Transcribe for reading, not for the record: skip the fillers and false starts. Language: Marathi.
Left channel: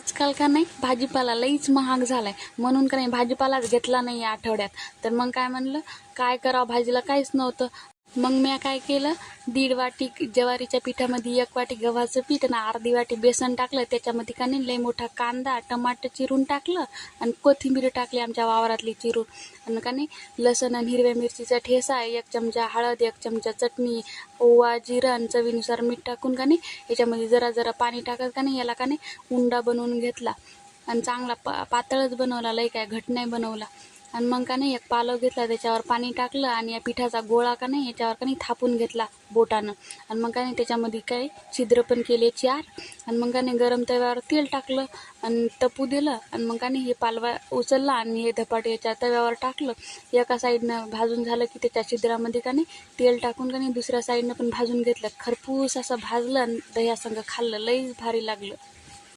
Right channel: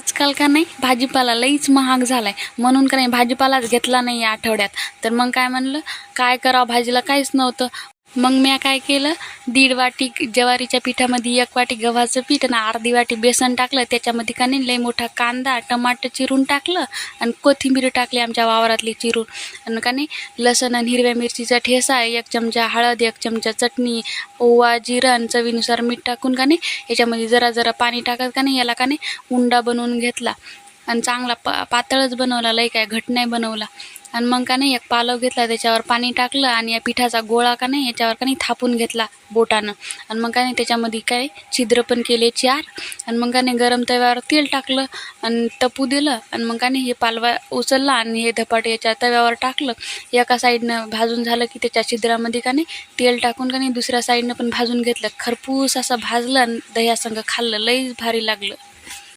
आजकाल का नाही भाजीपाला लईच महाग झालाय, म्हणून का नाही भाजीपालाच घेतला नाही या आठवड्यात. तर मग काय म्हणलं काय करावं, भाजीला काहीच नव्हतं. मग मी काय केलं, 1.5 वाटी ज्वारीच्या पिठामध्ये 1 वाटी गव्हाचं पीठ आणि अर्धी वाटी बेसन टाकलं. त्याच्यामध्ये का नाही लई मोठा कांदा टमाटर चिरून टाकलं आणि कोथिंबीर टाकली आमच्या वावरातली चिरून. आणि का नाही लसण आणि हिरव्या मिरचीचा ठेसा, 1 चमचा हळद, 1 चमचा चटणी, ओवा जिरं आणि चवीनुसार मीठ टाकून का नाही याच्यामध्ये जरा जरा पाणी टाकत का नाही याला का नाही उंडा बनवून घेतला. आणि चांगला पातळच बनवला, लई काय घट नाही बनवला. आणि मग का नाही एक पालव घेतला, त्याच्यावर पाणी टाकलं आणि या पिठाचा गोळा का नाही याच्यावर का नाही थापून घेतला बोटानं. आणि मग का नाही त्याच्यामध्ये काय छिद्र पण केले 4. आणि मग का नाही गरम तव्यावर तेल टाकलं आणि तपू दिलं. आणि मग का नाही हे पालवा उचलला आणि हे धपाट याच्या तव्यावर टाकलं. एका साईडनं भाजून झालं की त्याच्या छिद्रामध्ये का नाही तेल टाकून का नाही दुसऱ्या साईडनं पण भाजून घेतलं. खरपूस असं भाजलं आणि दह्यासंग खाल्लं, लई भारी लागलं.